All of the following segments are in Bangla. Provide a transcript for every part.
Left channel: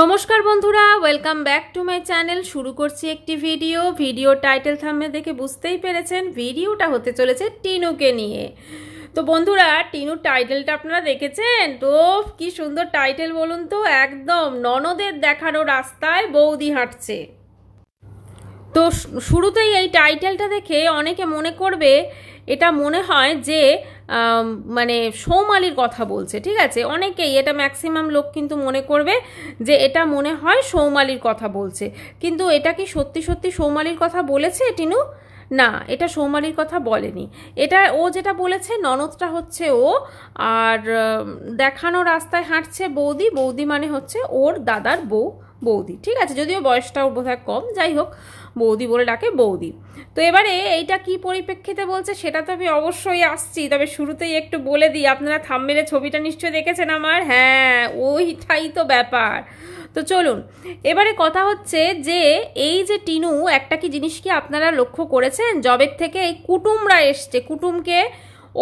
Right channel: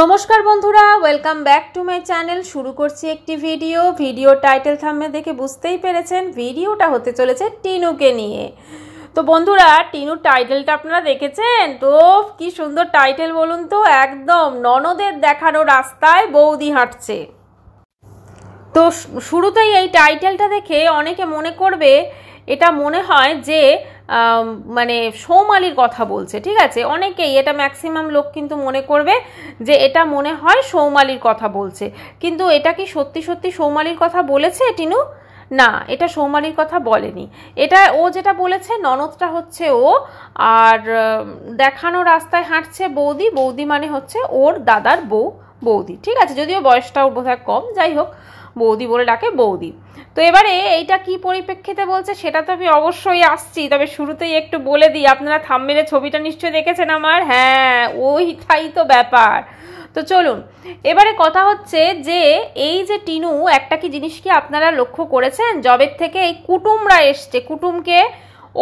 নমস্কার বন্ধুরা, welcome back to my channel. শুরু করছি একটি ভিডিও টাইটেল থাম্বনেল দেখে বুঝতেই পেরেছেন ভিডিওটা হতে চলেছে টিনুকে নিয়ে। তো বন্ধুরা, টিনুর টাইটেলটা আপনারা দেখেছেন তো? কি সুন্দর টাইটেল বলুন তো, একদম ননদের দেখানো রাস্তায় বৌদি হাঁটছে। তো শুরুতেই এই টাইটেলটা দেখে অনেকে মনে করবে, এটা মনে হয় যে মানে সৌমালির কথা বলছে, ঠিক আছে? অনেকেই এটা ম্যাক্সিমাম লোক কিন্তু মনে করবে যে এটা মনে হয় সৌমালির কথা বলছে, কিন্তু এটা কি সত্যি সত্যি সৌমালির কথা বলেছে টিনু? না, এটা সৌমালির কথা বলেনি। এটা ও যেটা বলেছে, ননদটা হচ্ছে ও, আর দেখানো রাস্তায় হাঁটছে বৌদি। বৌদি মানে হচ্ছে ওর দাদার বউ, বৌদি, ঠিক আছে? যদিও বয়সটাও বোধহয় কম, যাই হোক বৌদি বলে ডাকে বৌদি। তো এবারে এইটা কি পরিপ্রেক্ষিতে বলছে সেটা তো আমি অবশ্যই আসছি, তবে শুরুতেই একটু বলে দিই, আপনারা থাম্বনেলে ছবিটা নিশ্চয়ই দেখেছেন আমার। হ্যাঁ, ওইটাই তো ব্যাপার। তো চলুন, এবারে কথা হচ্ছে যে এই যে টিনু, একটা কি জিনিস কি আপনারা লক্ষ্য করেছেন, জবের থেকে এই কুটুমরা এসছে, কুটুমকে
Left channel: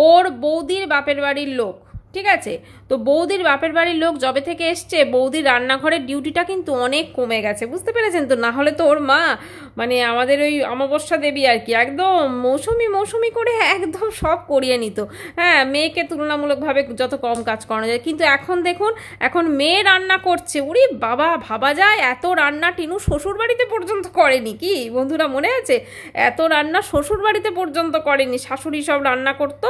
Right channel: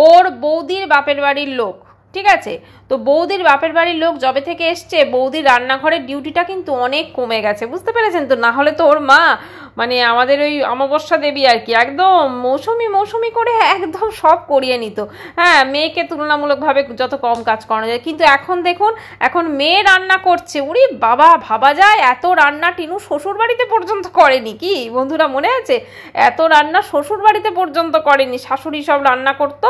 ওর বৌদির বাপের বাড়ির লোক, ঠিক আছে? তো বৌদির বাপের বাড়ির লোক জবে থেকে এসছে, বৌদির রান্নাঘরের ডিউটিটা কিন্তু অনেক কমে গেছে, বুঝতে পেরেছেন তো? না হলে তো ওর মা মানে আমাদের ওই অমাবস্যা দেবী আর কি, একদম মৌসুমি করে একদম সব করিয়ে নিত। হ্যাঁ, মেয়েকে তুলনামূলকভাবে যত কম কাজ করানো যায়, কিন্তু এখন দেখুন, এখন মেয়ে রান্না করছে। উরি বাবা, ভাবা যায় এত রান্না টিনু শ্বশুর বাড়িতে পর্যন্ত করেনি। কি বন্ধুরা, মনে আছে? এত রান্না শ্বশুর বাড়িতে পর্যন্ত করেনি, শাশুড়ি সব রান্না করতো।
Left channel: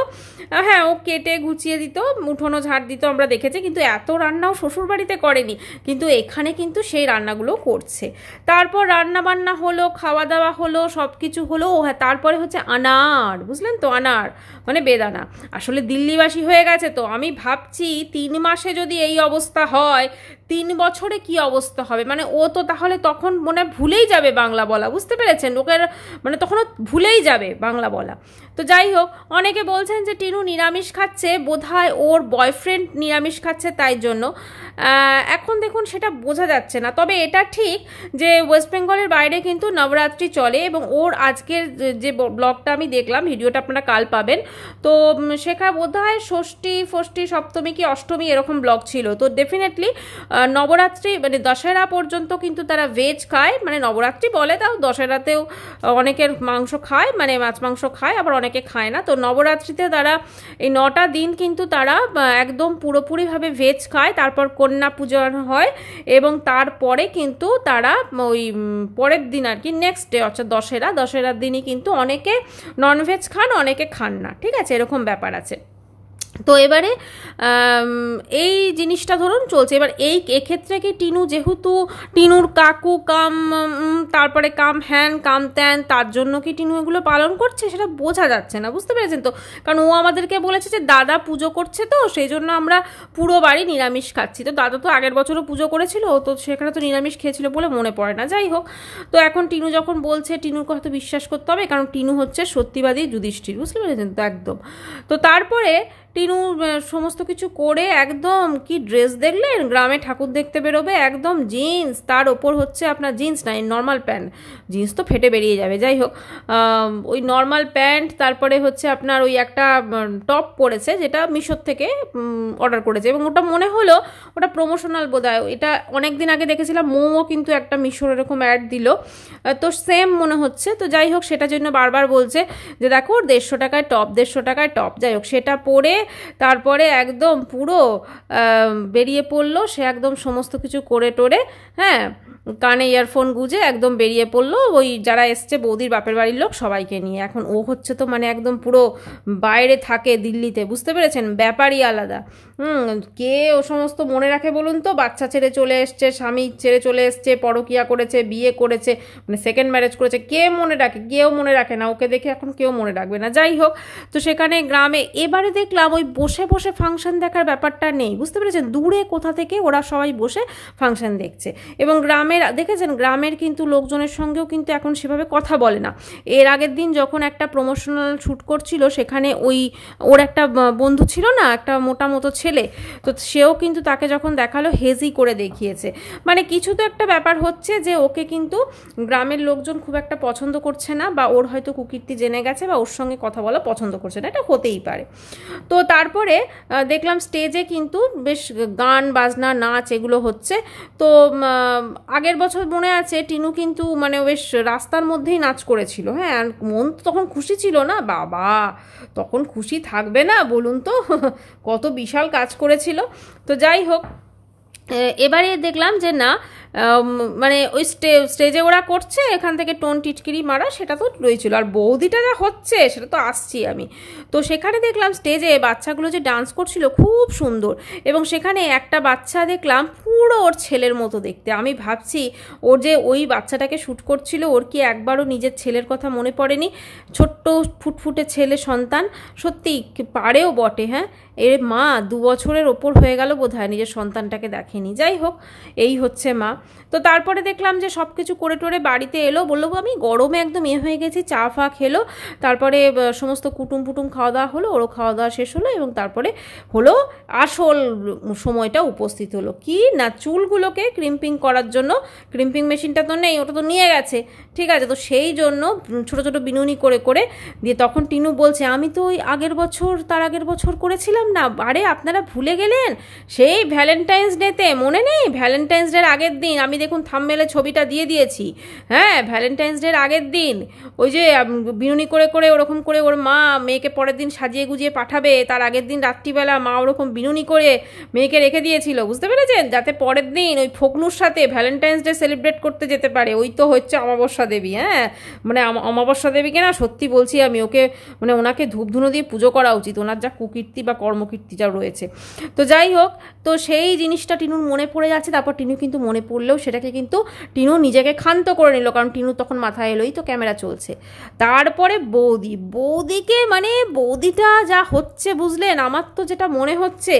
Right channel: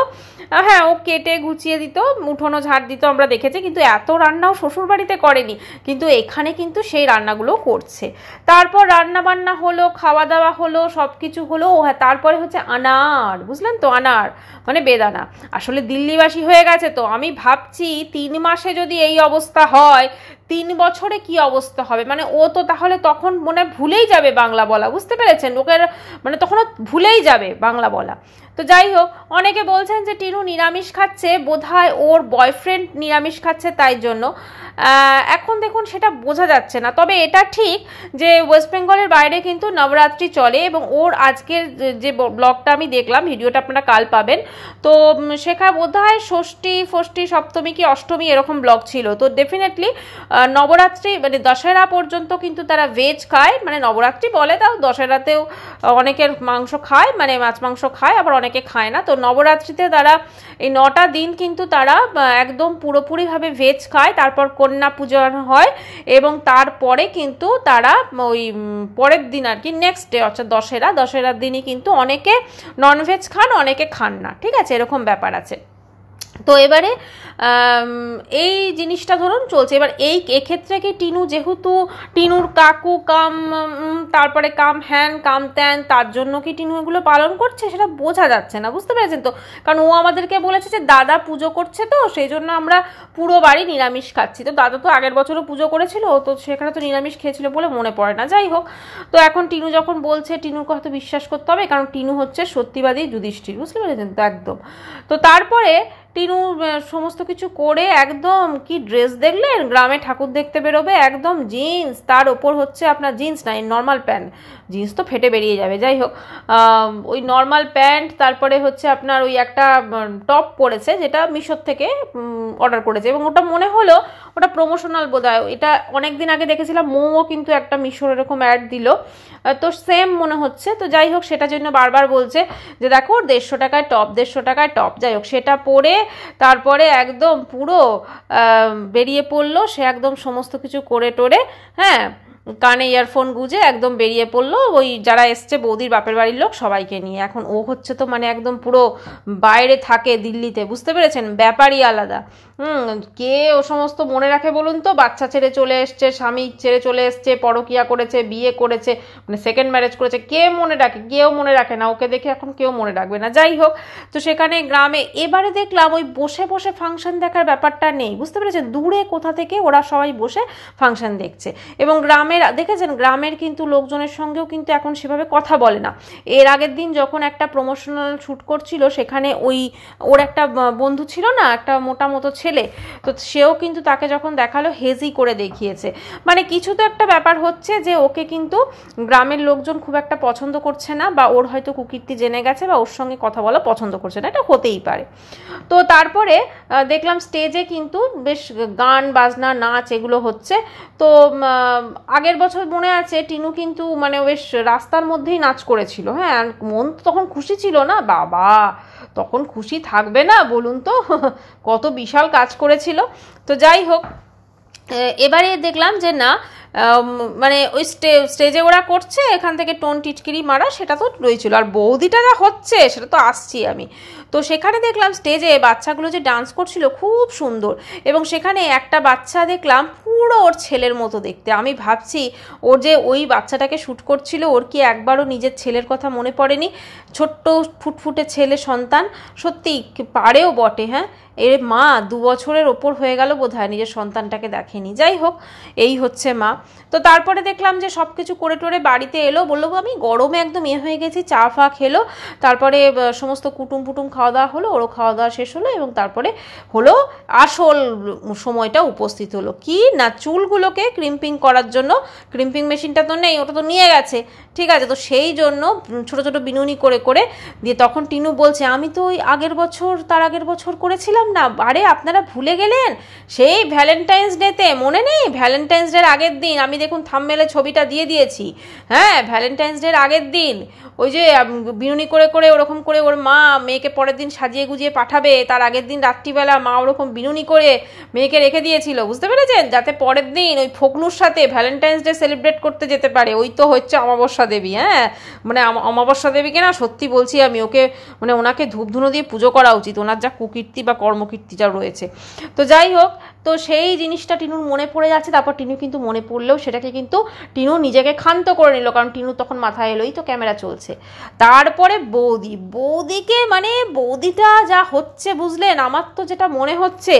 হ্যাঁ, ও কেটে গুছিয়ে দিত, উঠোনো ঝাড় দিত, আমরা দেখেছি, কিন্তু এত রান্নাও শ্বশুর বাড়িতে করেনি। কিন্তু এখানে কিন্তু সেই রান্নাগুলো করছে। তারপর রান্না বান্না হলো, খাওয়া দাওয়া হলো, সব কিছু হলো। হ্যাঁ, তারপরে হচ্ছে আনার, বুঝলেন তো? আনার মানে বেদানা। আসলে দিল্লিবাসী হয়ে গেছে তো। আমি ভাবছি 3 মাসে যদি এই অবস্থা হয়, 3 বছরে কি অবস্থা হবে। মানে ও তো তাহলে তখন মনে ভুলেই যাবে বাংলা বলা, বুঝতে পেরেছেন? ওকে মানে তখন ভুলেই যাবে বাংলা বলা। তো যাই হোক, অনেকে বলছেন যে টিনু নিরামিষ খাচ্ছে, বোধহয় ওর বয়ফ্রেন্ড নিরামিষ খাচ্ছে তাই জন্য। এখন দেখুন, সেটা বোঝা যাচ্ছে না। তবে এটা ঠিক যে ওয়েস্ট বেঙ্গলের বাইরে কিন্তু নবরাত্রি চলে, এবং ওর আজকের যে ব্লগটা আমি দেখলাম, ভিডিওটা আপনারা কাল পাবেন, তো সেখানে বোধহয় ষষ্ঠী সপ্তমী কি অষ্টমী এরকম ব্লগ ছিল। তো ডেফিনেটলি নবরাত্রি মানে দশেরা পর্যন্ত কিন্তু তারা ভেজ খায়, মানে নবরাত্রি বলে, তাও দশেরাতেও অনেকের মাংস খায়, মানে মাছ মাংস খায়, আবার অনেকে খায় না। তো নবরাত্রিতে তারা এই 9টা দিন কিন্তু তারা একদম পুরোপুরিভাবে ভেজ খায়। তারপর কন্যা পূজন হয়, এবং তারপরে কিন্তু তারা ওই পরের দিন আর কি, নেক্সট ডে অর্থাৎ দশেরার দিনই কিন্তু অনেকে ননভেজ খান, অনেকে খান না, ঠিক আছে? এরকম ব্যাপার আছে। তো এবারে এই জিনিসটা ধরুন চলছে। এবার এই এক্ষেত্রে কি টিনু, যেহেতু টিনুর কাকু কাম তারপরে কাম হ্যান কাম ত্যান, তার জন্য কি টিনু এগুলো পালন করছে সেটা বোঝা যাচ্ছে না, বুঝতে পেরেছেন তো? কারণ ও আমাদেরকে বলেছে যে দাদা পুজো করছে, তো সেই জন্য আমরা পুরো বাড়ি নিরামিষ খাচ্ছি। তো দাদা তো আগের বছরও পুজো করেছিল, তো সেখানে তো নিরামিষ খেয়েছিল বলে মনে পড়ে না। যাই হোক, তো এখন টিনু যখন বলছে, টিনুর কথা বিশ্বাস করতে হবে, কারণ টিনু হচ্ছে সত্যিবাদী যুধিষ্ঠির, বুঝতে পেরেছেন তো? একদম। তো তারপরে টিনু সমস্ত কিছু করে একদম, কি ড্রেস দেখলেন, গ্রামে ঠাকুর দেখতে বেরোবে, একদম জিন্স, তার ওপর হচ্ছে আপনার জিন্স না, নর্মাল প্যান্ট, জিন্স তো ফেটে বেরিয়ে যাবে, যাই হোক ওই নর্মাল প্যান্ট, তারপরে হচ্ছে আপনার ওই একটা টপ পরেছে, যেটা মিশোর থেকে অর্ডার করেছে, এবং ওটা মনে হলো ওটা প্রমোশনাল বোধহয়। এটা অনেক দিন আগে দেখেছিলাম, মোমো কিন্তু একটা মিশোর এরকম অ্যাড দিল, তো সেম মনে হচ্ছে। তো যাই হোক, সেটার জন্য বারবার বলছে যে দেখো 150 টাকায় টপ, 150 টাকায় টপ। যাই হোক, সেটা পরে তারপরে একদম পুরো বেরিয়ে পড়লো সে, একদম সমস্ত কিছু করে টোরে, হ্যাঁ, কানে ইয়ারফোন গুঁজে একদম বেরিয়ে পড়লো ওই যারা এসছে বৌদির বাপের বাড়ির লোক সবাইকে নিয়ে। এখন ও হচ্ছে তো মানে একদম পুরো বাইরে থাকে দিল্লিতে, বুঝতে পেরেছেন? ব্যাপারই আলাদা। কে ও সমস্ত মনে রাখে বলুন তো? বাচ্চা ছেড়ে চলে এসছে, স্বামী ছেড়ে চলে এসছে, পরকিয়া করেছে, বিয়ে করেছে, মানে সেকেন্ড ম্যারেজ করেছে, কে মনে রাখে? কেউ মনে রাখে না। ওকে দেখে এখন কেউ মনে রাখবে না। যাই হোক, তো সেখানে গ্রামে এবারে দেখলাম ওই বসে বসে ফাংশন দেখার ব্যাপারটা নেই, বুঝতে পেরেছেন? দূরে কোথা থেকে ওরা সবাই বসে ফাংশন দেখছে, এবং গ্রামের দেখেছেন, গ্রামের কিন্তু লোকজনের সঙ্গেও কিন্তু এখন সেভাবে কথা বলে না। এর আগের দিন যখন একটা প্রমোশনাল শ্যুট করছিল, সেখানে ওই ওর একটা বন্ধু ছিল না, একটা মোটা মতো ছেলে, খেলে, তো সেও কিন্তু তাকে যখন দেখালো হেজি করে দেখিয়েছে। মানে কিছু তো একটা ব্যাপার হচ্ছে যে ওকে কিন্তু গ্রামের লোকজন খুব একটা পছন্দ করছে না, বা ওর হয়তো কুকীর্তি জেনে গেছে, বা ওর সঙ্গে কথা বলা পছন্দ করছে না, এটা হতেই পারে। তো তারপরে দেখলাম স্টেজে কিন্তু বেশ গান বাজনা নাচ এগুলো হচ্ছে। তো আগের বছর মনে আছে টিনু কিন্তু মানে বেশ রাস্তার মধ্যেই নাচ করেছিল। হ্যাঁ, মন তো তখন খুশি ছিল না বাবা, তখন খুশি থাকবে না বলুন তো? কত বিশাল কাজ করেছিল। তো যাই হোক, এবারে দেখলাম যে না, মানে ওই স্টেজে ওরা করছে, এখান থেকে টোন টিটকিরি মারা সেটা তো রয়েছিল, আর বৌদিটা যা হচ্ছে সেটা তো আসছি আমি। তো সেখানে দেখলাম স্টেজে বাচ্চাগুলো যে ডান্স করছিল খুব সুন্দর, এবং সেখানে একটা বাচ্চা দেখলাম পুরো ওর ছেলের মতো দেখতে। আমি ভাবছি ওর যে ওই বাচ্চাটাকে শ্যুট করছিল, ওর কি একবারও নিজের ছেলের কথা মনে পড়েনি? ছোট্ট ফুটফুটে ছেলে সন্তান, সত্যি পারেও বটে। হ্যাঁ, এর মা 2 বছরের ওপর হয়ে গেল বোধহয় নিজের সন্তানটাকে দেখেনি। যাই হোক, এই হচ্ছে মা। তো তারপরে দেখলাম যে সব কিছু করে টোরে বাড়িতে এলো, বললো আমি গরমে একদম হয়ে গেছি, চা ফা খেলো, তারপরে সমস্ত কুটুম পুটুম খাওয়া দাওয়া হলো, ওরও খাওয়া দাওয়া শেষ হলো, এবং তারপরে হলো আসল সময়টা উপস্থিত হলো কি না, চুলগুলোকে ক্রিম্পিং করার জন্য। ক্রিম্পিং মেশিনটা তো নেই, ওটা তো নিয়ে গেছে, ঠিক আছে। তো সেই জন্য ছোট ছোট বিনুনি করে করে দিয়ে তখন টিনু বলছে আমি তো ওই আগের বছর তার আগের বছর করেছিলাম না। আরে আপনারা ভুলে গেলেন, সেই ভ্যালেন্টাইন্স ডেতে মনে নেই? ভ্যালেন্টাইন্স ডের আগের দিন আমি দেখুন থাম্বনেলে ছবিটা দিয়ে দিয়েছি। হ্যাঁ, ভ্যালেন্টাইন্স ডের আগের দিন ওই যে বিনুনি করে করে ওরকম করে ওর মা মেয়েকে পরের দিন সাজিয়ে গুজিয়ে পাঠাবে, তার আগের দিন রাত্রিবেলা মা ওরকম বিনুনি করে মেয়েকে রেখে দিয়েছিল, বুঝতে পেরেছেন? যাতে পরের দিন ওই ফকলুর সাথে ভ্যালেন্টাইন্স ডে সেলিব্রেট করতে যেতে পারে। ওই তো হচ্ছে অমাবস্যা দেবী। হ্যাঁ, মানে অমাবস্যা দেবীকে না সত্যি বলছি আমি, ওকে মানে ওনাকে ধূপধুনো দিয়ে পুজো করা উচিত, ওনার যা কুকীর্তি বা কর্মকীর্তি যা রয়েছে। তো যাই হোক, তো সেই জিনিসটা টিনুর মনে পড়ে যাচ্ছে। তারপর টিনু কিন্তু মনে পড়লেও সেটাকে কিন্তু টিনু নিজেকে ক্ষান্ত করে নিল, কারণ টিনু তখন মাথায় এলোই তো ক্যামেরা চলছে। তারপরে বৌদিকে মানে বৌদিটা যা হচ্ছে বুঝলেন, আমার তো যেটা মনে হচ্ছে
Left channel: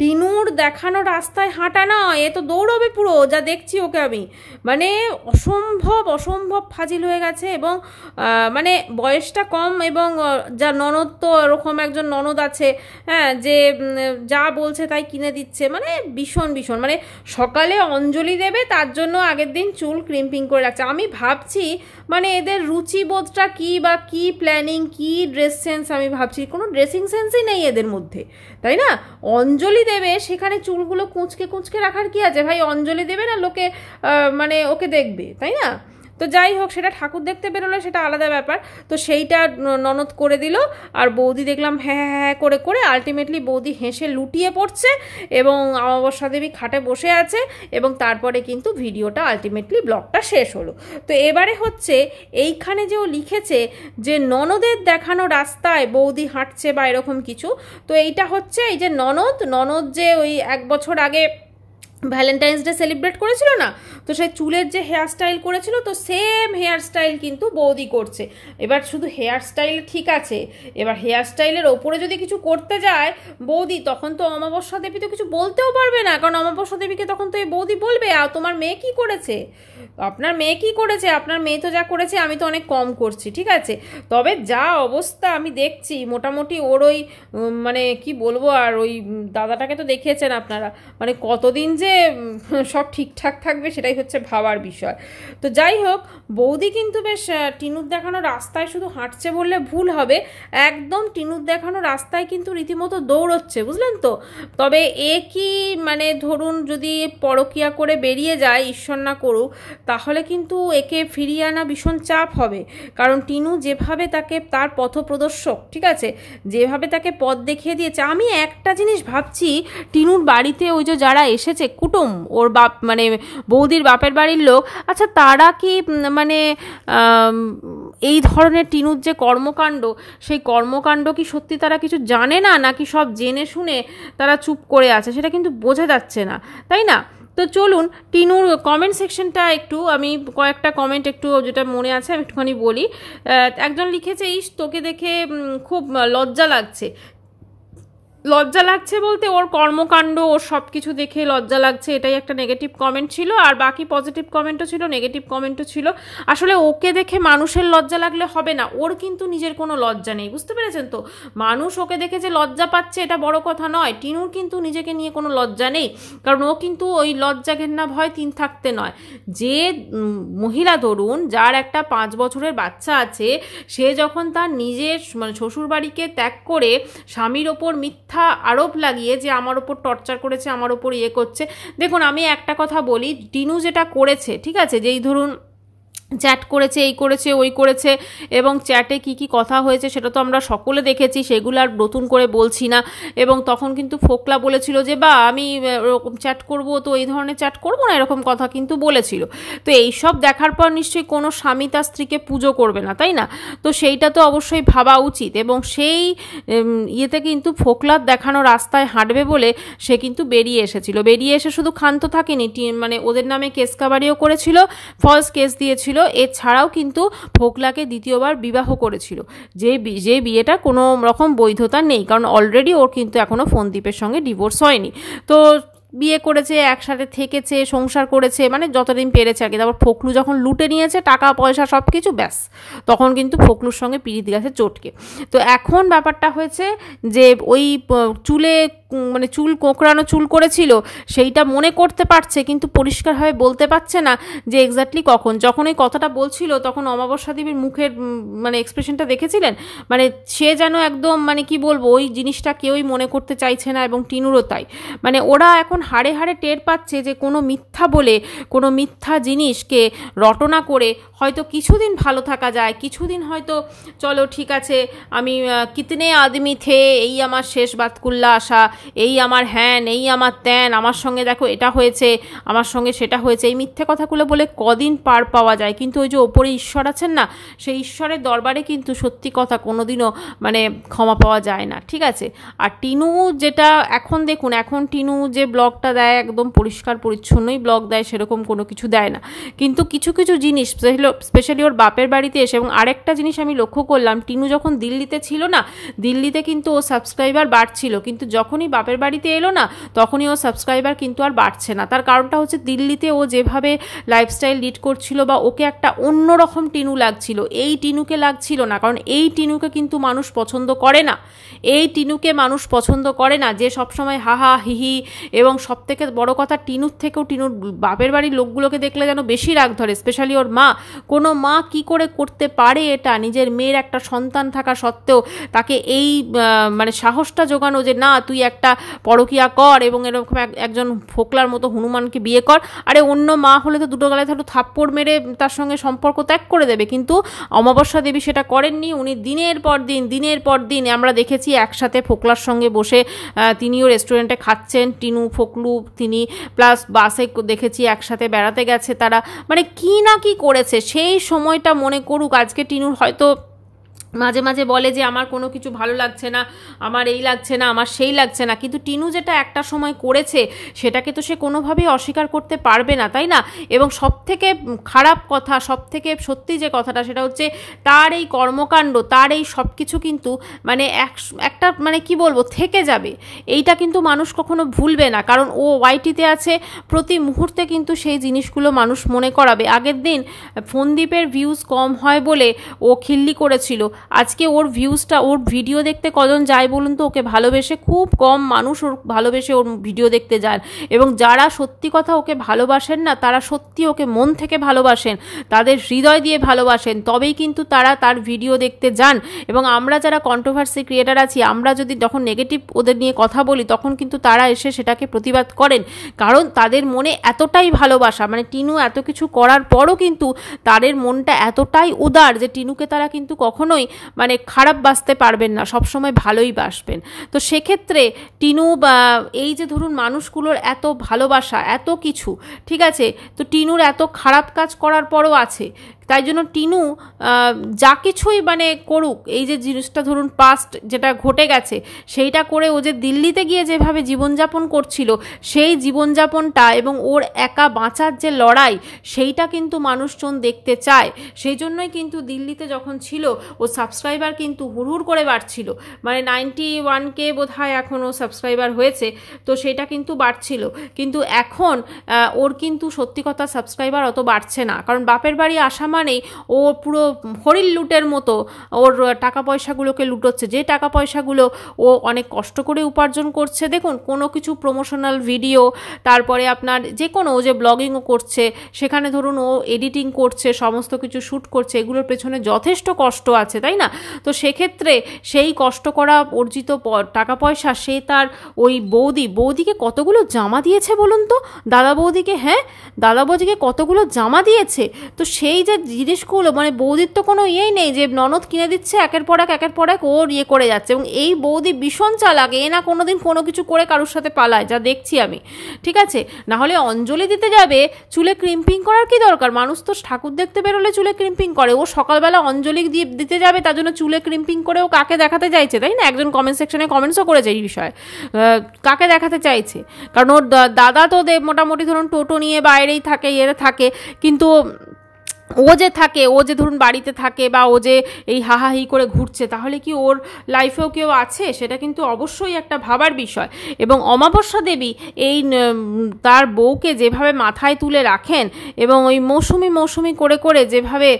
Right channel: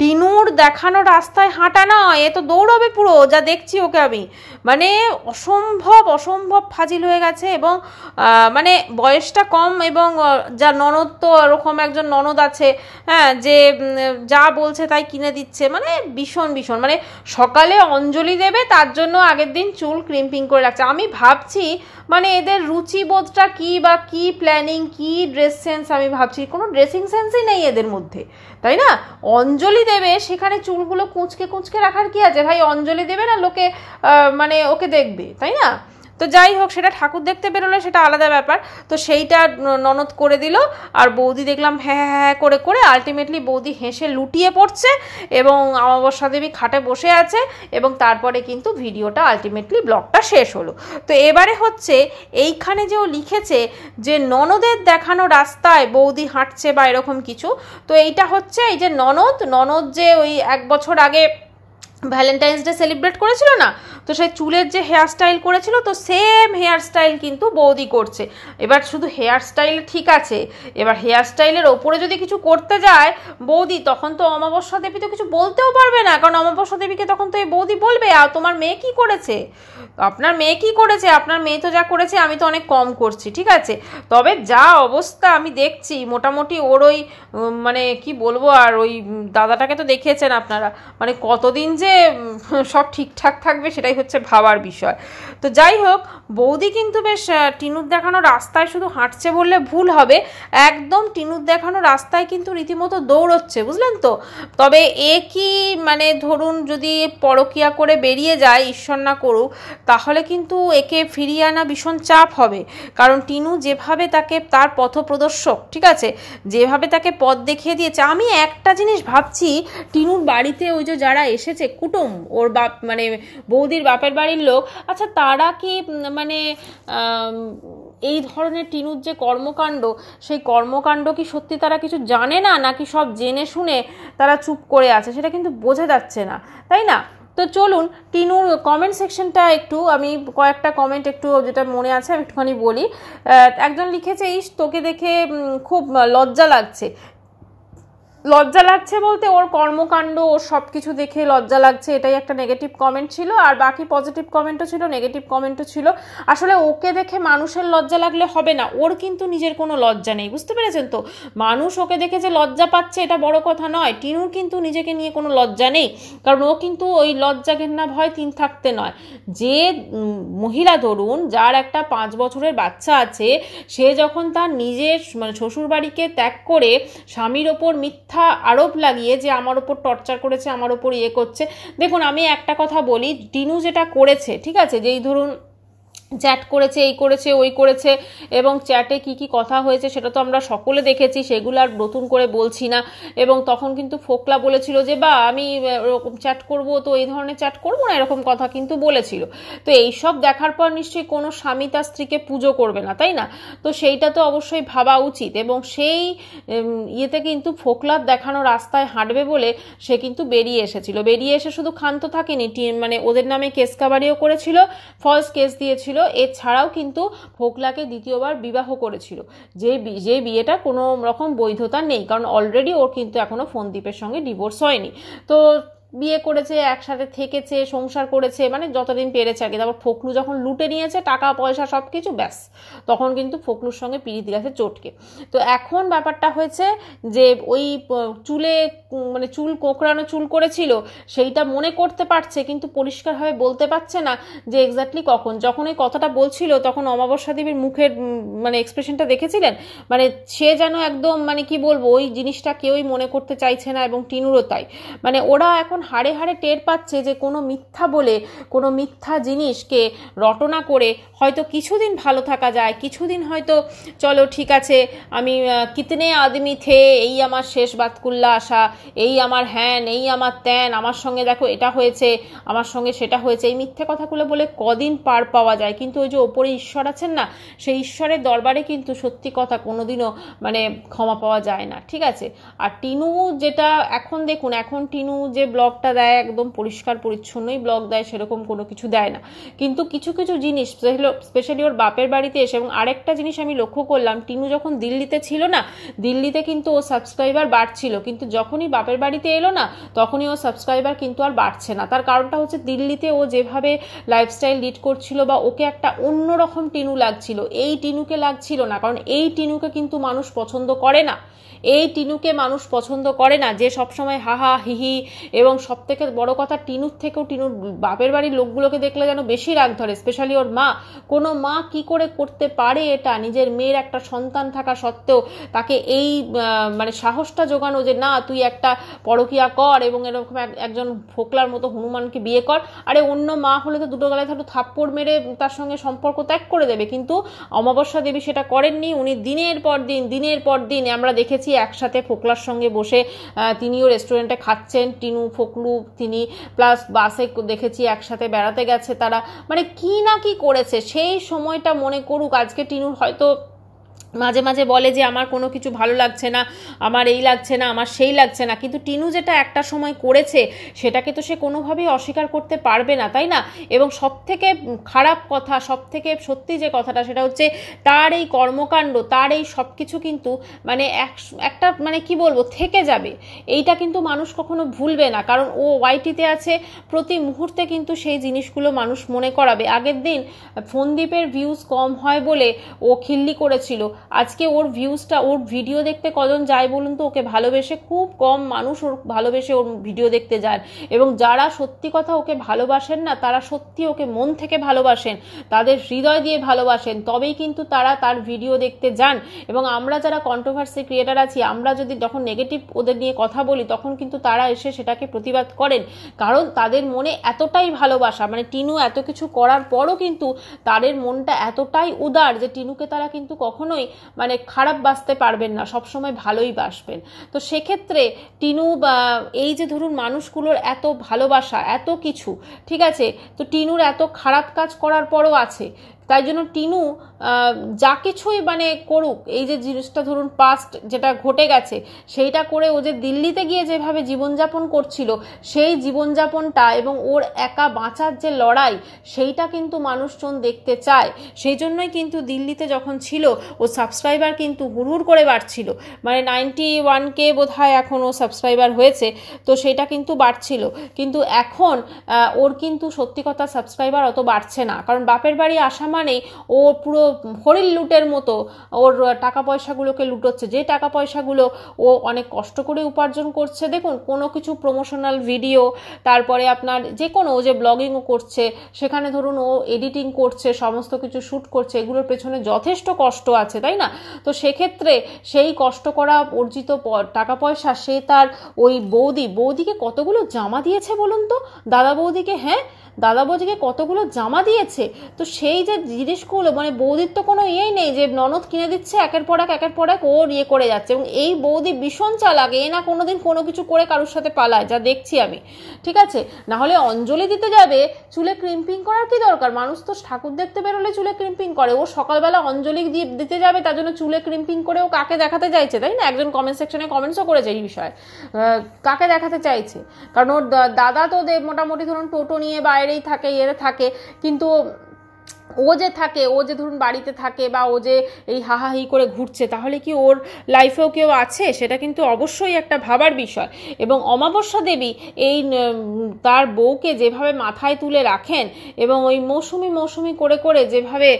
টিনুর দেখানো রাস্তায় হাঁটা না, এ তো দৌড়বে পুরো, যা দেখছি ওকে আমি। মানে অসম্ভব ফাজিল হয়ে গেছে, এবং মানে বয়সটা কম, এবং যা ননদ তো এরকম একজন ননদ আছে, হ্যাঁ, যে যা বলছে তাই কিনে দিচ্ছে, মানে ভীষণ মানে সকালে অঞ্জলি দেবে তার জন্য আগের দিন চুল ক্রিম্পিং করে রাখছে। আমি ভাবছি মানে এদের রুচিবোধটা কি, বা কি প্ল্যানিং, কি ড্রেস সেন্স, আমি ভাবছি কোনো ড্রেসিং সেন্সই নেই এদের মধ্যে, তাই না? অঞ্জলি দেবে সেখানে চুলগুলো কুঁচকে রাখার কি আছে ভাই? অঞ্জলি দেবে না লোকে মানে ওকে দেখবে, তাই না? তো যাই হোক, সেটা ঠাকুর দেখতে বেরোলে সেটা আলাদা ব্যাপার। তো সেইটা ননদ করে দিল, আর বৌদি দেখলাম হ্যাঁ হ্যাঁ করে করে আলটিমেটলি বৌদি হেসে লুটিয়ে পড়ছে, এবং অমাবস্যা দেবী খাটে বসে আছে, এবং তারপরে কিন্তু ভিডিওটা আলটিমেটলি ব্লগটা শেষ হলো। তো এবারে হচ্ছে এইখানে যে ও লিখেছে যে ননদের দেখানো রাস্তায় বৌদি হাঁটছে বা এরকম কিছু, তো এইটা হচ্ছে এই যে ননদ যে ওই 1 বছর আগে ভ্যালেন্টাইন্স ডে সেলিব্রেট করেছিল না, তো সেই চুলের যে হেয়ার স্টাইল করেছিল, তো সেম হেয়ার স্টাইল কিন্তু বৌদি করছে। এবার শুধু হেয়ার স্টাইল ঠিক আছে, এবার হেয়ার স্টাইলের ওপরে যদি কিছু করতে যায় বৌদি, তখন তো অমাবস্যা দেবী তো কিছু বলতেও পারবে না, কারণ অমাবস্যা দেবীকে তখন তো এই বৌদি বলবে আর তোমার মেয়ে কি করেছে, আপনার মেয়ে কি করেছে, আপনার মেয়ে তো যা করেছে আমি তো অনেক কম করছি, ঠিক আছে। তবে যা অবস্থা আমি দেখছি মোটামুটি ওর ওই মানে কি বলবো, আর ওই দাদাটাকে তো দেখিয়েছেন আপনারা, মানে কতদিন যে সব ঠিকঠাক থাকবে সেটাই হচ্ছে ভাবার বিষয়। তো যাই হোক, বৌদি কিন্তু বেশ টিনুর দেখানো রাস্তায় শুধু হাঁটছে বললে ভুল হবে, একদম টিনুর দেখানো রাস্তায় কিন্তু রীতিমতো দৌড়চ্ছে, বুঝলেন তো। তবে এ কি মানে ধরুন যদি পরকিয়া করে বেরিয়ে যায়, ঈশ্বর না করুক, তাহলে কিন্তু একে ফিরিয়ে আনা ভীষণ চাপ হবে, কারণ টিনু যেভাবে তাকে তার পথপ্রদর্শক, ঠিক আছে, যেভাবে তাকে পথ দেখিয়ে দিয়েছে। আমি একটা জিনিস ভাবছি, টিনুর বাড়িতে ওই যে যারা এসেছে কুটুম, ওর বাপ মানে বৌদির বাপের বাড়ির লোক, আচ্ছা তারা কি মানে এই ধরনের টিনুর যে কর্মকাণ্ড, সেই কর্মকাণ্ড কি সত্যি তারা কিছু জানে না, নাকি সব জেনে শুনে তারা চুপ করে আছে, সেটা কিন্তু বোঝা যাচ্ছে না, তাই না? তো চলুন টিনুর কমেন্ট সেকশনটা একটু আমি কয়েকটা কমেন্ট একটু যেটা মনে আছে আমি একটুখানি বলি। একজন লিখেছে, ইস তোকে দেখে খুব লজ্জা লাগছে, লজ্জা লাগছে বলতে ওর কর্মকাণ্ড, ওর সব কিছু দেখে লজ্জা লাগছে, এটাই একটা নেগেটিভ কমেন্ট ছিল। আর বাকি পজিটিভ কমেন্টও ছিল, নেগেটিভ কমেন্টও ছিল। আসলে ওকে দেখে মানুষের লজ্জা লাগলে হবে না, ওর কিন্তু নিজের কোনো লজ্জা নেই, বুঝতে পেরেছেন তো? মানুষ ওকে দেখে যে লজ্জা পাচ্ছে এটা বড় কথা নয়, টিনুর কিন্তু নিজেকে নিয়ে কোনো লজ্জা নেই, কারণ ও কিন্তু ওই লজ্জা ঘেন্না ভয় তিন থাকতে নয়। যে মহিলা ধরুন, যার একটা 5 বছরের বাচ্চা আছে, সে যখন তার নিজের মানে শ্বশুরবাড়িকে ত্যাগ করে স্বামীর ওপর মিথ্যা আরোপ লাগিয়ে যে আমার ওপর টর্চার করেছে, আমার ওপর ইয়ে করছে। দেখুন আমি একটা কথা বলি, টিনু যেটা করেছে, ঠিক আছে, যেই ধরুন চ্যাট করেছে, এই করেছে, ওই করেছে, এবং চ্যাটে কি কি কথা হয়েছে সেটা তো আমরা সকলে দেখেছি, সেগুলো আর নতুন করে বলছি না। এবং তখন কিন্তু ফোকলা বলেছিল যে বা আমি এরকম চ্যাট করব, তো এই ধরনের চ্যাট করব না, এরকম কথা কিন্তু বলেছিল। তো এইসব দেখার পর নিশ্চয়ই কোনো স্বামী তার স্ত্রীকে পুজো করবে না, তাই না? তো সেইটা তো অবশ্যই ভাবা উচিত। এবং সেই ইয়েতে কিন্তু ফোকলার দেখানো রাস্তায় হাঁটবে বলে সে কিন্তু বেরিয়ে এসেছিল। বেরিয়ে এসে শুধু ক্ষান্ত থাকেনি, মানে ওদের নামে কেস কাবারিও করেছিল, ফলস কেস দিয়েছিল। এছাড়াও কিন্তু ফোকলাকে দ্বিতীয়বার বিবাহ করেছিল, যে বিয়েটা কোনো রকম বৈধতা নেই, কারণ অলরেডি ওর কিন্তু এখনো ফোনদীপের সঙ্গে ডিভোর্স হয়নি। তো বিয়ে করেছে, একসাথে থেকেছে, সংসার করেছে, মানে যতদিন পেরেছে আর কি। তারপর ফোকলু যখন লুটে নিয়েছে টাকা পয়সা সব কিছু, ব্যাস তখন কিন্তু ফোকলুর সঙ্গে পিড়িত গেছে চটকে। তো এখন ব্যাপারটা হয়েছে যে ওই চুলে মানে চুল কোঁকড়ানো চুল করেছিল, সেইটা মনে করতে পারছে, কিন্তু পরিষ্কারভাবে বলতে পারছে না যে এক্স্যাক্টলি কখন। যখন ওই কথাটা বলছিল তখন অমাবস্যা দেবীর মুখের মানে এক্সপ্রেশনটা দেখেছিলেন, মানে সে যেন একদম মানে কি বলবো, ওই জিনিসটা কেউই মনে করতে চাইছে না, এবং টিনুরও তাই। মানে ওরা এখন হাড়ে হাড়ে টের পাচ্ছে যে কোনো মিথ্যা বলে, কোনো মিথ্যা জিনিসকে রটনা করে হয়তো কিছুদিন ভালো থাকা যায়, কিছুদিন হয়তো চলো ঠিক আছে, আমি কিতনে আদমি থে, এই আমার শেষ বাতকুল্লা আসা, এই আমার হ্যান, এই আমার ত্যান, আমার সঙ্গে দেখো এটা হয়েছে, আমার সঙ্গে সেটা হয়েছে, এই মিথ্যে কথাগুলো বলে কদিন পার পাওয়া যায়। কিন্তু ওই যে ওপরে ঈশ্বর আছেন না, সেই ঈশ্বরের দরবারে কিন্তু সত্যি কথা কোনোদিনও মানে ক্ষমা পাওয়া যায় না, ঠিক আছে? আর টিনু যেটা এখন দেখুন, এখন টিনু যে ব্লগটা দেয় একদম পরিষ্কার পরিচ্ছন্নই ব্লগ দেয়, সেরকম কোনো কিছু দেয় না। কিন্তু কিছু কিছু জিনিস স্পেশালি ওর বাপের বাড়িতে এসে, এবং আরেকটা জিনিস আমি লক্ষ্য করলাম, টিনু যখন দিল্লিতে ছিল না, দিল্লিতে কিন্তু ও সাবস্ক্রাইবার বাড়ছিল, কিন্তু যখনই বাপের বাড়িতে এলো না তখনই ও সাবস্ক্রাইবার কিন্তু আর বাড়ছে না। তার কারণটা হচ্ছে দিল্লিতে ও যেভাবে লাইফস্টাইল লিড করছিল, বা ওকে একটা অন্যরকম টিনু লাগছিল, এই টিনুকে লাগছিল না। কারণ এই টিনুকে কিন্তু মানুষ পছন্দ করে না, এই টিনুকে মানুষ পছন্দ করে না, যে সবসময় হাহা হিহি। এবং সব থেকে বড় কথা, টিনুর থেকেও টিনুর বাপের বাড়ির লোকগুলোকে দেখলে যেন বেশি রাগ ধরে, স্পেশালি ওর মা। কোনো মা কি করে করতে পারে এটা, নিজের মেয়ের একটা সন্তান থাকা সত্ত্বেও তাকে এই মানে সাহসটা জোগানো যে না তুই একটা পরকিয়া কর, এবং এরকম একজন ফোকলার মতো হনুমানকে বিয়ে কর। আরে অন্য মা হলে তো দুটো গালায় ধরো থাপ্পড় মেরে তার সঙ্গে সম্পর্ক ত্যাগ করে দেবে, কিন্তু অমাবস্যা দেবী সেটা করেননি। উনি দিনের পর দিন আমরা দেখেছি একসাথে ফোকলার সঙ্গে বসে তিনিও রেস্টুরেন্টে খাচ্ছেন, টিনু ফোকলু তিনি, প্লাস বাসে দেখেছি একসাথে বেড়াতে গেছে তারা, মানে কি না কি করেছে। সেই সময়টা মনে করুক। আজকে টিনুর হয়তো মাঝে মাঝে বলে যে আমার কোনো কিছু ভালো লাগছে না, আমার এই লাগছে না, আমার সেই লাগছে না, কিন্তু টিনু যেটা একটা সময় করেছে সেটাকে তো সে কোনোভাবেই অস্বীকার করতে পারবে না, তাই না? এবং সবথেকে খারাপ কথা, সবথেকে সত্যি যে কথাটা, সেটা হচ্ছে তার এই কর্মকাণ্ড, তার এই সব কিছু কিন্তু মানে একটা মানে কি বলবো থেকে যাবে। এইটা কিন্তু মানুষ কখনো ভুলবে না, কারণ ও ওয়াইটিতে আছে, প্রতি মুহূর্তে কিন্তু সেই জিনিসগুলো মানুষ মনে করাবে। আগের দিন ফোনদীপের ভিউজ কম হয় বলে ও খিল্লি করেছিল, আজকে ওর ভিউজটা, ওর ভিডিও দেখতে কজন যায় বলুন তো? ওকে ভালোবেসে খুব কম মানুষ ওর ভালোবেসে ওর ভিডিও দেখতে যান, এবং যারা সত্যি কথা ওকে ভালোবাসেন না, তারা সত্যি ওকে মন থেকে ভালোবাসেন, তাদের হৃদয় দিয়ে ভালোবাসেন, তবেই কিন্তু তারা তার ভিডিও দেখতে যান। এবং আমরা যারা কন্ট্রোভার্সি ক্রিয়েটার আছি, আমরা যদি যখন নেগেটিভ ওদের নিয়ে কথা বলি, তখন কিন্তু তারা এসে সেটাকে প্রতিবাদ করেন, কারণ তাদের মনে এতটাই ভালোবাসা। মানে টিনু এত কিছু করার পরও কিন্তু তাদের মনটা এতটাই উদার যে টিনুকে তারা কিন্তু কখনোই মানে খারাপ বাসতে পারবেন না, সবসময় ভালোই বাসবেন। তো সেক্ষেত্রে টিনু বা এই যে ধরুন মানুষগুলোর এত ভালোবাসা, এত কিছু, ঠিক আছে, তো টিনুর এত খারাপ কাজ করার পরও আছে, তাই জন্য টিনু যা কিছুই মানে করুক, এই যে জিনিসটা ধরুন পাস্ট যেটা ঘটে গেছে সেইটা করে ও যে দিল্লিতে গিয়ে যেভাবে জীবনযাপন করছিল সেই জীবনযাপনটা এবং ওর একা বাঁচার যে লড়াই সেইটা কিন্তু মানুষজন দেখতে চায়। সেই জন্যই কিন্তু দিল্লিতে যখন ছিল ও সাবস্ক্রাইবার কিন্তু হুড়হুড় করে বাড়ছিল, মানে 91K বোধহয় এখন ও সাবস্ক্রাইবার হয়েছে, তো সেটা কিন্তু বাড়ছিল। কিন্তু এখন ওর কিন্তু সত্যি কথা সাবস্ক্রাইবার অত বাড়ছে না, কারণ বাপের বাড়ি আসা মানে ও পুরো হরিণ লুটের মতো ওর টাকা পয়সাগুলোকে লুটোচ্ছে, যে টাকা পয়সাগুলো ও অনেক কষ্ট করে উপার্জন করছে। দেখুন কোনো কিছু প্রমোশনাল ভিডিও, তারপরে আপনার যে কোনো ও যে ব্লগিংও করছে, সেখানে ধরুন ও এডিটিং করছে, সমস্ত কিছু শ্যুট করছে, এগুলোর পেছনে যথেষ্ট কষ্ট আছে, তাই না? তো সেক্ষেত্রে সেই কষ্ট করা অর্জিত টাকা পয়সা সে তার ওই বৌদিকে কতগুলো জামা দিয়েছে বলুন তো, দাদা বৌদিকে, হ্যাঁ দাদা বৌদিকে কতগুলো জামা দিয়েছে। তো সেই যে জিনিসগুলো মানে বৌদির তো কোনো ইয়েই নেই যে ননদ কিনে দিচ্ছে একের পর এক ওর ইয়ে করে যাচ্ছে, এবং এই বৌদি ভীষণ চালাক, এ না কোনোদিন কোনো কিছু করে কারোর সাথে পালায়, যা দেখছি আমি, ঠিক আছে? না হলে অঞ্জলি দিতে যাবে, চুলে ক্রিম্পিং করার কি দরকার? মানুষ তো ঠাকুর দেখতে বেরোলে চুলে ক্রিম্পিং করে, ও সকালবেলা অঞ্জলি দিতে যাবে তার জন্য চুলে ক্রিম্পিং করে ও কাকে দেখাতে চাইছে, তাই না? একজন কমেন্ট সেকশনে কমেন্টসও করেছে এই বিষয়ে, কাকে দেখাতে চাইছে? কারণ ওর দাদা তো মোটামুটি ধরুন টোটো নিয়ে বাইরেই থাকে, থাকে, কিন্তু ও যে ধরুন বাড়িতে থাকে বা ও যে এই হাহাহি করে ঘুরছে, তাহলে কি ওর লাইফেও কেউ আছে? সেটা কিন্তু অবশ্যই একটা ভাবার বিষয়। এবং অমাবস্যা দেবী এই তার বউকে যেভাবে মাথায় তুলে রাখেন এবং ওই মৌসুমি করে করে যেভাবে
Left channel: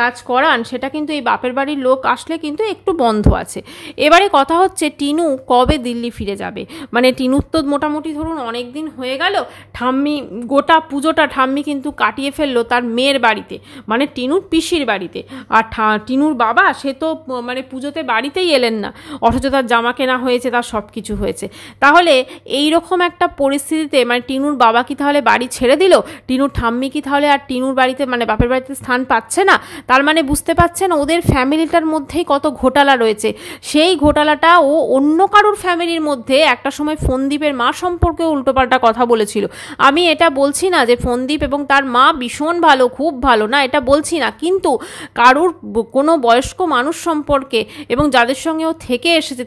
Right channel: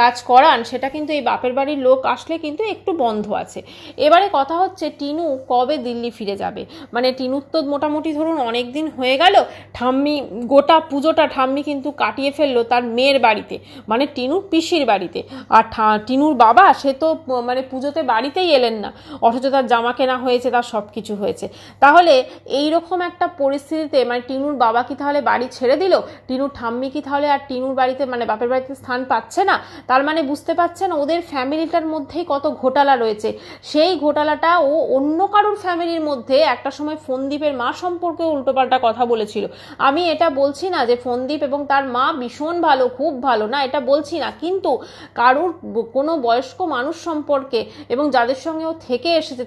কাজ করান, সেটা কিন্তু এই বাপের বাড়ির লোক আসলে কিন্তু একটু বন্ধ আছে। এবারে কথা হচ্ছে টিনু কবে দিল্লি ফিরে যাবে। মানে টিনুর তো মোটামুটি ধরুন অনেক দিন হয়ে গেল, ঠাম্মি গোটা পুজোটা ঠাম্মি কিন্তু কাটিয়ে ফেললো তার মেয়ের বাড়িতে, মানে টিনুর পিসির বাড়িতে। আর টিনুর বাবা সে তো মানে পুজোতে বাড়িতেই এলেন না, অথচ তার জামা কেনা হয়েছে, তার সব কিছু হয়েছে। তাহলে এই রকম একটা পরিস্থিতিতে মানে টিনুর বাবা কি তাহলে বাড়ি ছেড়ে দিল? টিনুর ঠাম্মি কি তাহলে আর টিনুর বাড়িতে মানে বাপের বাড়িতে স্থান পাচ্ছে না? তার মানে বুঝতে পারছেন ওদের ফ্যামিলিটার মধ্যেই কত ঘোটালা রয়েছে। সেই ঘোটালাটা ও অন্য কারুর ফ্যামিলির মধ্যে একটা সময় ফোনদীপের মা সম্পর্কে উল্টোপাল্টা কথা বলেছিল। আমি এটা বলছি না যে ফোনদীপ এবং তার মা ভীষণ ভালো, খুব ভালো না, এটা বলছি না, কিন্তু কারুর কোনো বয়স্ক মানুষ সম্পর্কে এবং যাদের সঙ্গে ও থেকে এসেছে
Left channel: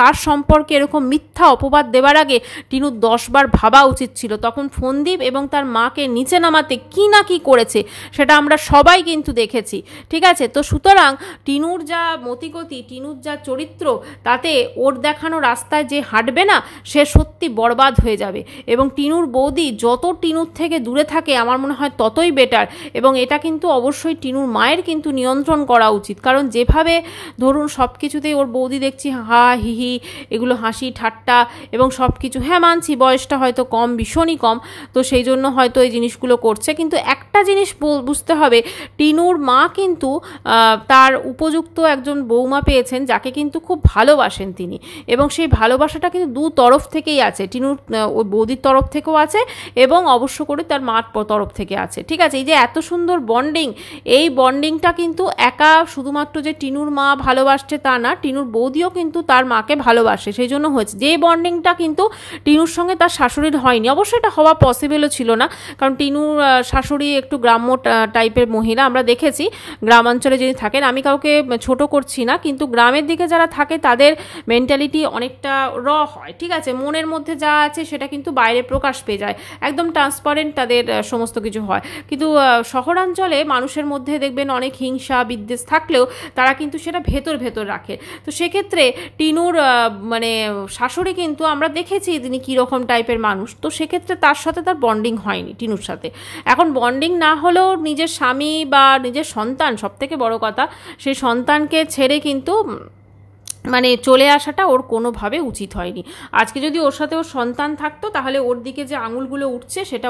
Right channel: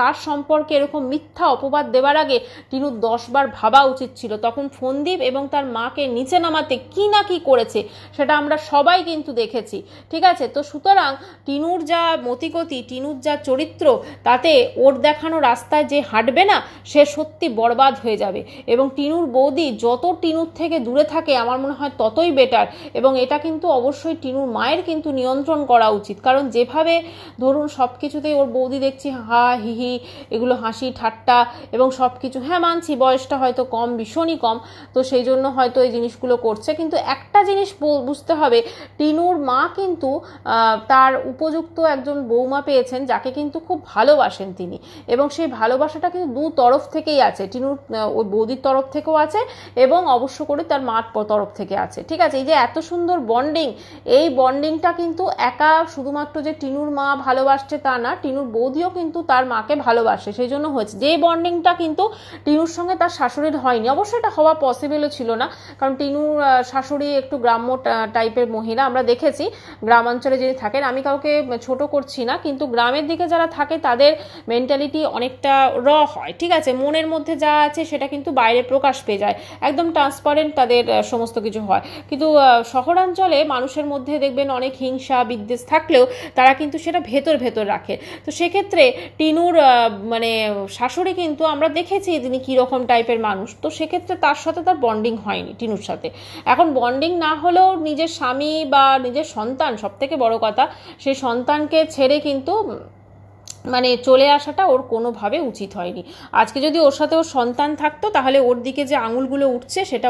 তার সম্পর্কে এরকম মিথ্যা অপবাদ দেওয়ার আগে টিনুর 10 বার ভাবা উচিত ছিল। তখন ফোনদীপ এবং তার মাকে নিচে নামাতে কি না কি করেছে সেটা আমরা সবাই কিন্তু দেখেছি, ঠিক আছে? তো সুতরাং টিনুর যা মতিগতি, টিনুর যা চরিত্র, তাতে ওর দেখানো রাস্তায় যে হাঁটবে না সে সত্যি বরবাদ হয়ে যাবে। এবং টিনুর বৌদি যত টিনুর থেকে দূরে থাকে আমার মনে হয় ততই বেটার। এবং এটা কিন্তু অবশ্যই টিনুর মায়ের কিন্তু নিয়ন্ত্রণ করা উচিত, কারণ যেভাবে ধরুন সব কিছুতেই ওর বৌদি দেখছি হা হিহি এগুলো হাসি ঠাট্টা এবং সব কিছু, হ্যাঁ মানছি বয়সটা হয়তো কম, ভীষণই কম, তো সেই জন্য হয়তো এই জিনিসগুলো করছে। কিন্তু একটা জিনিস বুঝতে হবে, টিনুর মা কিন্তু তার উপযুক্ত একজন বৌমা পেয়েছেন যাকে কিন্তু খুব ভালোবাসেন তিনি, এবং সেই ভালোবাসাটা কিন্তু দু তরফ থেকেই আছে, টিনুর ওই বৌদির তরফ থেকেও আছে এবং অবশ্য করে তার মার তরফ থেকে আছে, ঠিক আছে? এই যে এত সুন্দর বন্ডিং, এই বন্ডিংটা কিন্তু একা শুধুমাত্র যে টিনুর মা ভালোবাসছে তা না, টিনুর বৌদিও কিন্তু তার মাকে ভালোবাসে, সেই জন্য হয়েছে। যে বন্ডিংটা কিন্তু টিনুর সঙ্গে তার শাশুড়ির হয়নি, অবশ্যই এটা হওয়া পসিবলও ছিল না, কারণ টিনুর শাশুড়ি একটু গ্রাম্য টাইপের মহিলা, আমরা দেখেছি গ্রামাঞ্চলে যিনি থাকেন, আমি কাউকে ছোট করছি না, কিন্তু গ্রামের দিকে যারা থাকে তাদের মেন্টালিটি অনেকটা হয়, ঠিক আছে? মনের মধ্যে যা আছে সেটা কিন্তু বাইরে প্রকাশ পেয়ে যায়, একদম ট্রান্সপারেন্ট তাদের সমস্ত কিছু হয়। কিন্তু শহরাঞ্চলে মানুষের মধ্যে দেখবেন অনেক হিংসা বিদ্বেষ থাকলেও তারা কিন্তু সেটা ভেতর রাখে। তো সেক্ষেত্রে টিনুর মানে শাশুড়ি কিন্তু আমরা দেখেছি তিনি কীরকম টাইপের মানুষ, তো সেক্ষেত্রে তার সাথে তার বন্ডিং হয়নি টিনুর সাথে। এখন বন্ডিং না হলেও নিজের স্বামী বা নিজের সন্তান, সব থেকে বড় কথা, সেই সন্তানকে ছেড়ে কিন্তু মানে চলে আসাটা ওর কোনোভাবে উচিত হয়নি। আজকে যদি ওর সাথে ওর সন্তান থাকতো তাহলে ওর দিকে যে আঙুলগুলো উঠছে সেটা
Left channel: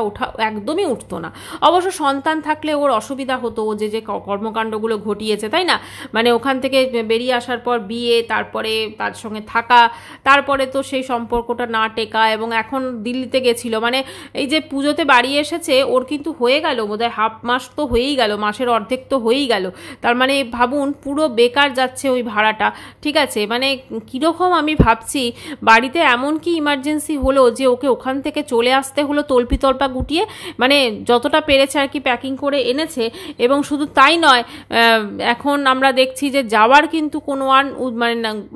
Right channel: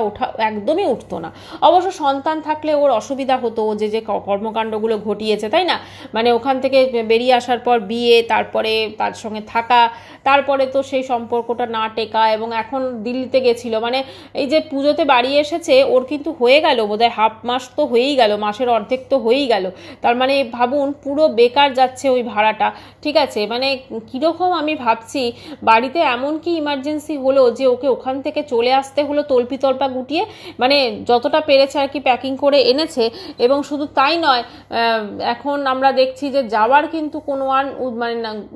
একদমই উঠতো না। অবশ্য সন্তান থাকলে ওর অসুবিধা হতো, ও যে কর্মকাণ্ডগুলো ঘটিয়েছে, তাই না? মানে ওখান থেকে বেরিয়ে আসার পর বিয়ে, তারপরে তার সঙ্গে থাকা, তারপরে তো সেই সম্পর্কটা না টেকা, এবং এখন দিল্লিতে গেছিল, মানে এই যে পুজোতে বাড়ি এসেছে ওর কিন্তু হয়ে গেল বোধহয় হাফ মাস, তো হয়েই গেল, মাসের অর্ধেক তো হয়েই গেল। তার মানে ভাবুন পুরো বেকার যাচ্ছে ওই ভাড়াটা, ঠিক আছে? আছে, মানে কীরকম আমি ভাবছি বাড়িতে এমন কি ইমার্জেন্সি হলো যে ওকে ওখান থেকে চলে আসতে হলো তল্পা গুটিয়ে, মানে যতটা পেরেছে আর কি প্যাকিং করে এনেছে। এবং শুধু তাই নয়, এখন আমরা দেখছি যে যাওয়ার কিন্তু কোনো আর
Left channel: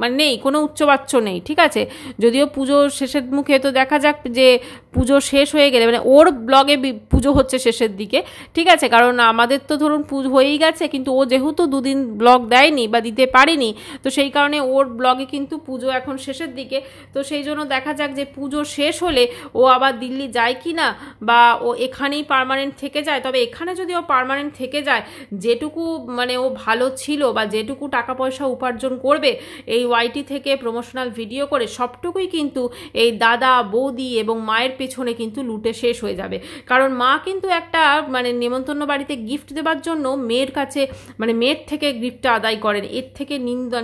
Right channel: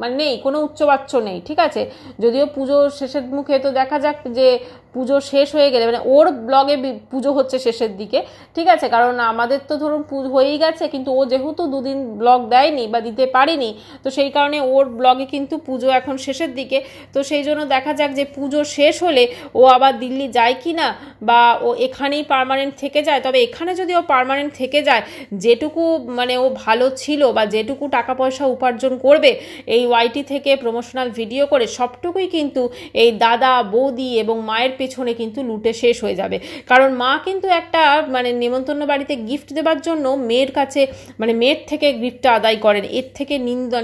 মানে নেই, কোনো উচ্চবাচ্য নেই, ঠিক আছে। যদিও পুজো শেষের মুখে, তো দেখা যাক যে পুজো শেষ হয়ে গেলে, মানে ওর ব্লগে পুজো হচ্ছে শেষের দিকে, ঠিক আছে, কারণ আমাদের তো ধরুন পুজো হয়েই গেছে, কিন্তু ও যেহেতু দুদিন ব্লগ দেয়নি বা দিতে পারেনি, তো সেই কারণে ওর ব্লগে কিন্তু পুজো এখন শেষের দিকে। তো সেই জন্য দেখা যাক যে পুজো শেষ হলে ও আবার দিল্লি যায় কি না, বা ও এখানেই পার্মানেন্ট থেকে যায়। তবে এখানে যদি ও পার্মানেন্ট থেকে যায়, যেটুকু মানে ও ভালো ছিল বা যেটুকু টাকা পয়সা উপার্জন করবে এই ওয়াইটি থেকে প্রমোশনাল ভিডিও করে, সবটুকুই কিন্তু এই দাদা বৌদি এবং মায়ের পেছনে কিন্তু লুটে শেষ হয়ে যাবে। কারণ মা কিন্তু একটা মানে নেমন্তন্ন বাড়িতে গিফট দেওয়ার জন্য মেয়ের কাছে, মানে মেয়ের থেকে গিফটটা আদায় করেন। এর থেকে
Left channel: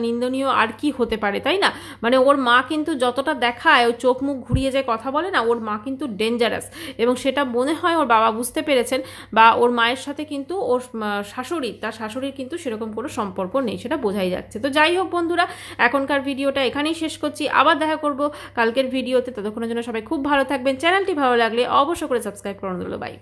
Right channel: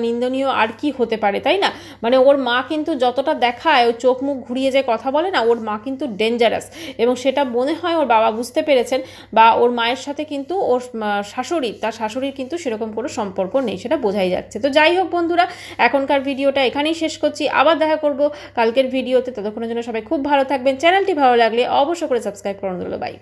নিন্দনীয় আর কি হতে পারে, তাই না? মানে ওর মা কিন্তু যতটা দেখায়, ও চোখ মুখ ঘুরিয়ে যে কথা বলে না, ওর মা কিন্তু ডেঞ্জারাস, এবং সেটা মনে হয় ওর বাবা বুঝতে পেরেছেন। বা ওর মায়ের সাথে কিন্তু ওর তার শাশুড়ির কিন্তু সেরকম কোনো সম্পর্ক নেই, সেটা বোঝাই যাচ্ছে। তো যাই হোক বন্ধুরা, এখনকার ভিডিওটা এখানেই শেষ করছি, আবার দেখা করব কালকের ভিডিওতে। ততক্ষণের জন্য সবাই খুব ভালো থাকবেন। চ্যানেলটি ভালো লাগলে অবশ্যই করে সাবস্ক্রাইব করে দিল। বাই।